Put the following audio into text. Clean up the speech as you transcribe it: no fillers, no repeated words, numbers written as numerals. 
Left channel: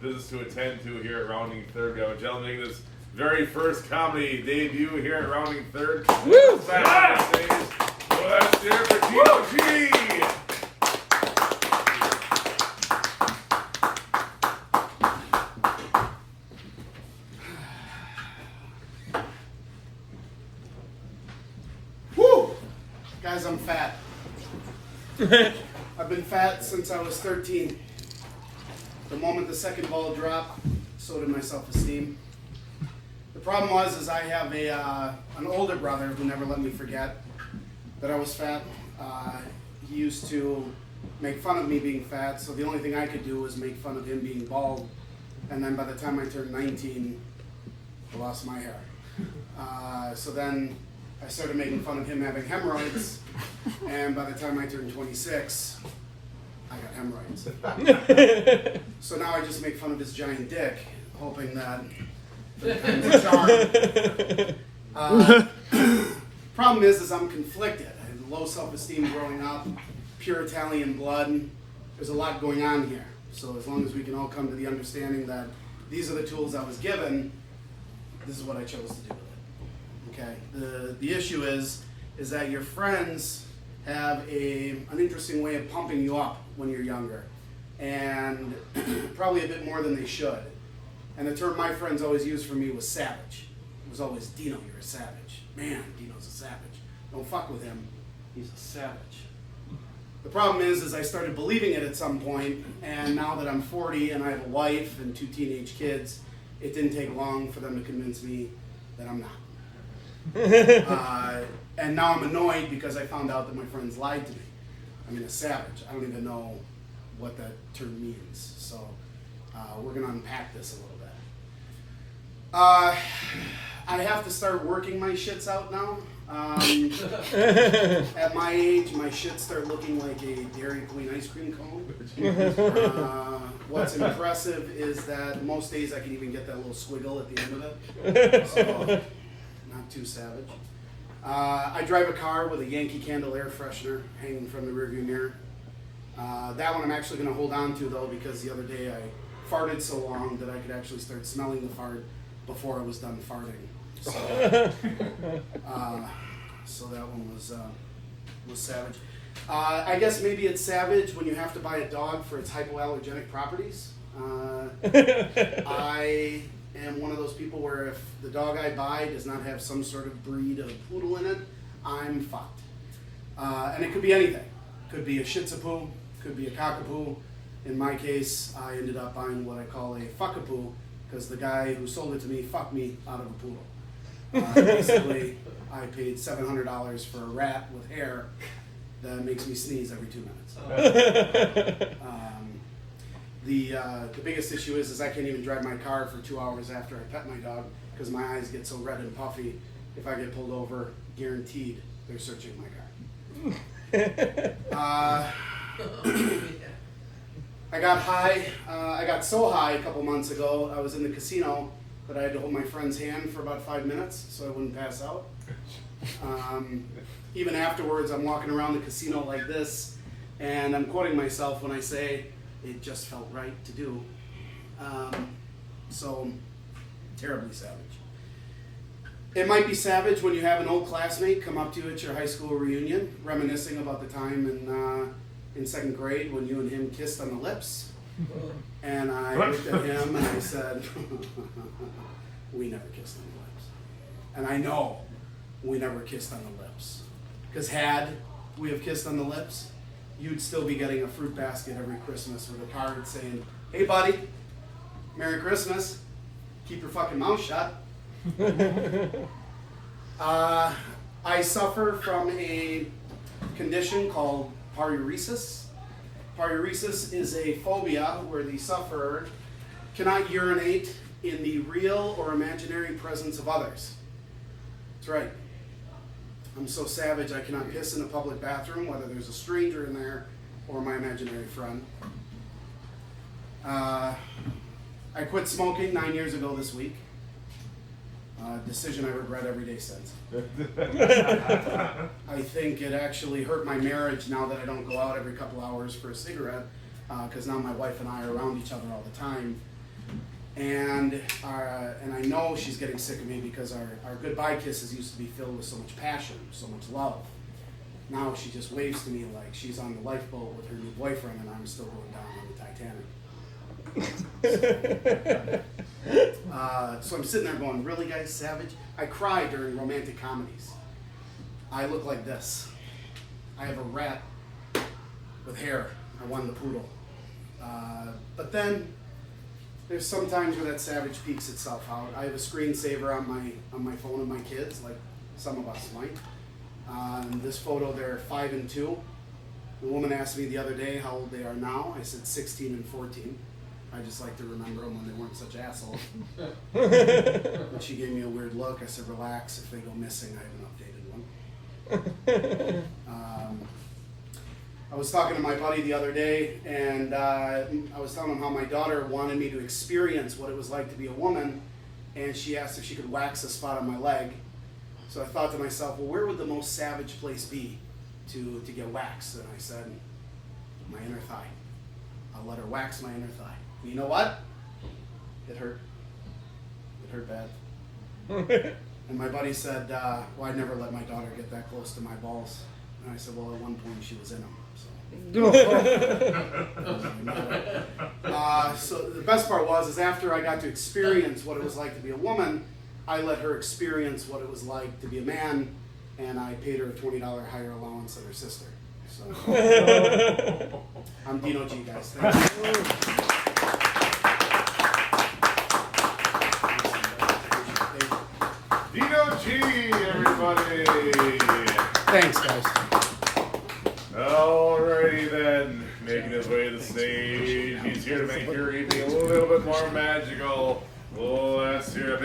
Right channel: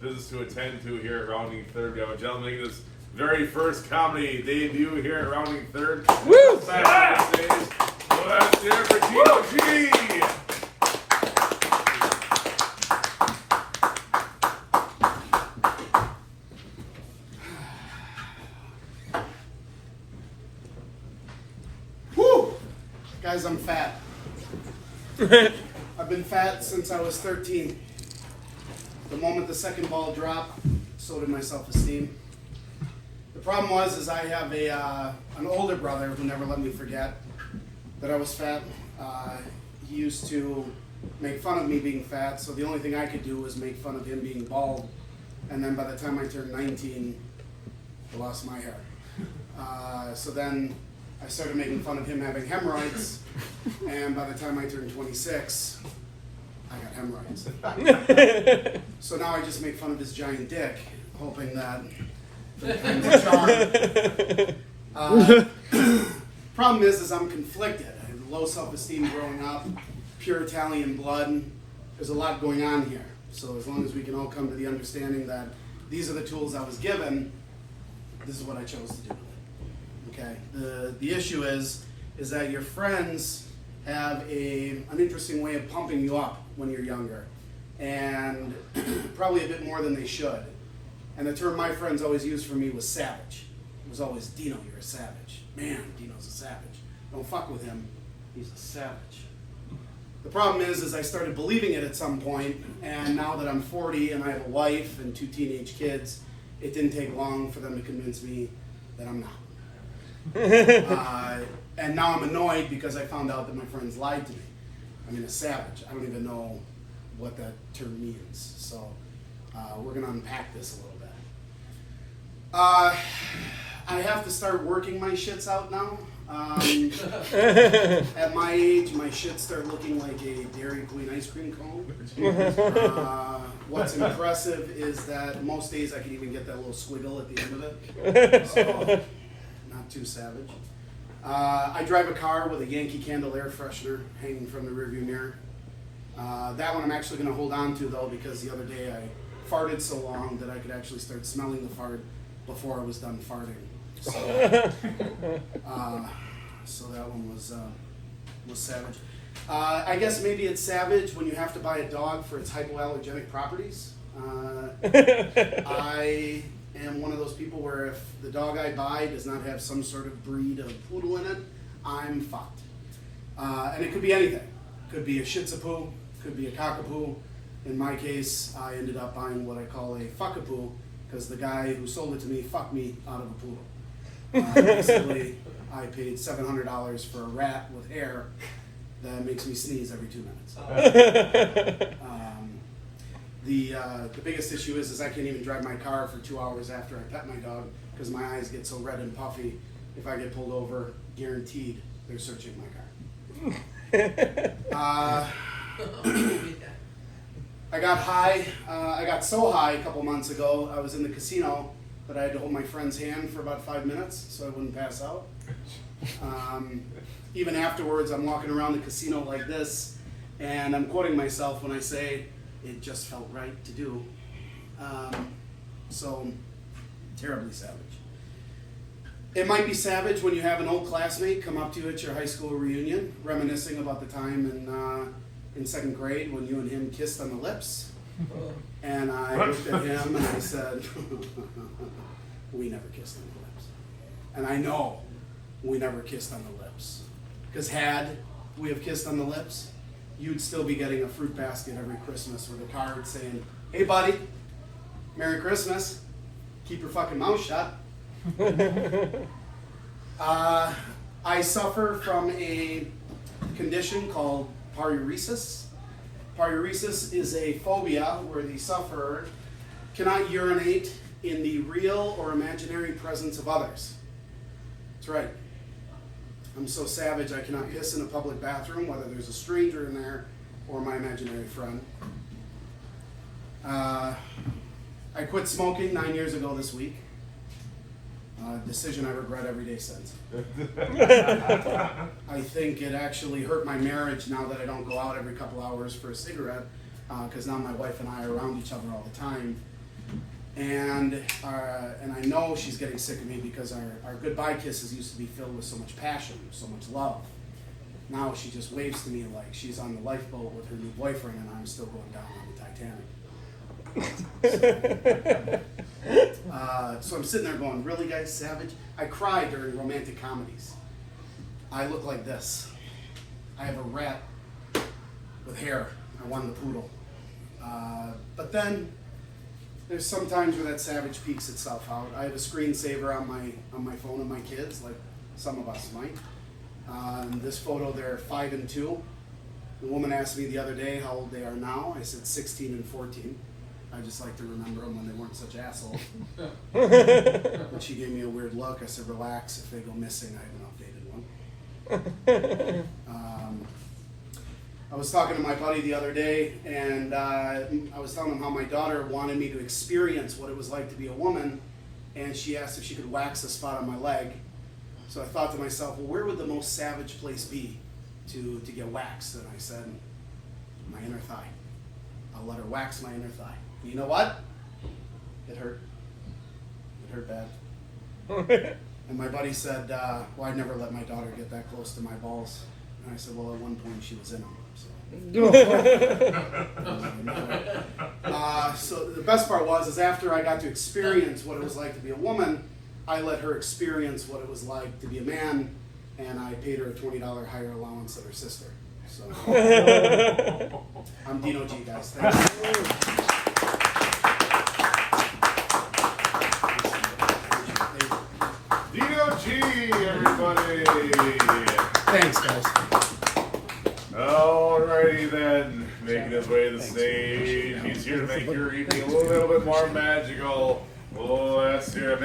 business to attend to here at Rounding Third. We have a gentleman making his very first comedy debut here at Rounding Third. Woo! Back on stage. Let's hear it for Tino G. Woo! Guys, I'm fat. I've been fat since I was 13. The moment the second ball dropped, so did my self-esteem. The problem is I have an older brother who never let me forget that I was fat. He used to make fun of me being fat, so the only thing I could do was make fun of him being bald. And then by the time I turned 19, I lost my hair. So then I started making fun of him having hemorrhoids, and by the time I turned 26, I got hemorrhoids. So now I just make fun of his giant dick, hoping that the times charm. Problem is I'm conflicted. I had low self-esteem growing up, pure Italian blood. There's a lot going on here. So as long as we can all come to the understanding that these are the tools I was given, this is what I chose to do with it. Okay. The issue is that your friends have an interesting way of pumping you up when you're younger, and probably a bit more than they should. And the term my friends always used for me was savage. It was always, Dino, you're a savage. Man, Dino's a savage. Don't fuck with him. He's a savage. The problem is I started believing it at some point, and now that I'm 40 and I have a wife and 2 teenage kids, it didn't take long for them to convince me that I'm not. And now I'm annoyed because I found out that my friends lied to me. I mean, a savage. I don't even know what that term means. So we're going to unpack this a little bit. I have to start working my shits out now. At my age, my shits start looking like a Dairy Queen ice cream cone. What's impressive is that most days I can even get that little squiggle at the end of it. So, not too savage. I drive a car with a Yankee Candle air freshener hanging from the rearview mirror. That one I'm actually going to hold on to though, because the other day I farted so long that I could actually start smelling the fart before I was done farting. So that one was savage. I guess maybe it's savage when you have to buy a dog for its hypoallergenic properties. I am one of those people where if the dog I buy does not have some sort of breed of poodle in it, I'm fucked. And it could be anything. Could be a Shih Tzu poo, could be a cockapoo. In my case, I ended up buying what I call a fuckapoo, because the guy who sold it to me fucked me out of a poodle. Basically, I paid $700 for a rat with hair that makes me sneeze every 2 minutes. The biggest issue is I can't even drive my car for 2 hours after I pet my dog because my eyes get so red and puffy. If I get pulled over, guaranteed they're searching my car. I got high. I got so high a couple months ago. I was in the casino that I had to hold my friend's hand for about 5 minutes so I wouldn't pass out. Even afterwards, I'm walking around the casino like this, and I'm quoting myself when I say, it just felt right to do. So, terribly savage. It might be savage when you have an old classmate come up to you at your high school reunion, reminiscing about the time in second grade when you and him kissed on the lips. And I looked at him and I said, we never kissed on the lips. And I know we never kissed on the lips. Because had we have kissed on the lips, you'd still be getting a fruit basket every Christmas with a card saying, hey buddy, Merry Christmas, keep your fucking mouth shut. I suffer from a condition called paruresis. Paruresis is a phobia where the sufferer cannot urinate in the real or imaginary presence of others. That's right. I'm so savage I cannot piss in a public bathroom, whether there's a stranger in there or my imaginary friend. I quit smoking 9 years ago this week. Decision I regret every day since. I think it actually hurt my marriage now that I don't go out every couple hours for a cigarette, because now my wife and I are around each other all the time. And I know she's getting sick of me because our goodbye kisses used to be filled with so much passion, so much love. Now she just waves to me like she's on the lifeboat with her new boyfriend and I'm still going down on the Titanic. So I'm sitting there going, really guys, savage? I cry during romantic comedies. I look like this. I have a rat with hair. I wanted the poodle. But then there's some times where that savage peeks itself out. I have a screensaver on my phone of my kids, like some of us might. In this photo, they're 5 and 2. The woman asked me the other day how old they are now. I said 16 and 14. I just like to remember them when they weren't such assholes. And she gave me a weird look. I said, relax. If they go missing, I have an updated one. I was talking to my buddy the other day, and I was telling him how my daughter wanted me to experience what it was like to be a woman, and she asked if she could wax a spot on my leg. So I thought to myself, well, where would the most savage place be to get waxed? And I said, my inner thigh. I'll let her wax my inner thigh. And you know what? It hurt. It hurt bad. And my buddy said, well, I'd never let my daughter get that close to my balls. And I said, well, at one point she was in them. So the best part was after I got to experience what it was like to be a woman, I let her experience what it was like to be a man, and I paid her a $20 higher allowance than her sister. So I'm Dino G, guys. Thank you. Dino G, everybody. Thanks, guys. Alrighty then, making his way to the stage. He's here to make your evening a little bit more magical. Let's hear it.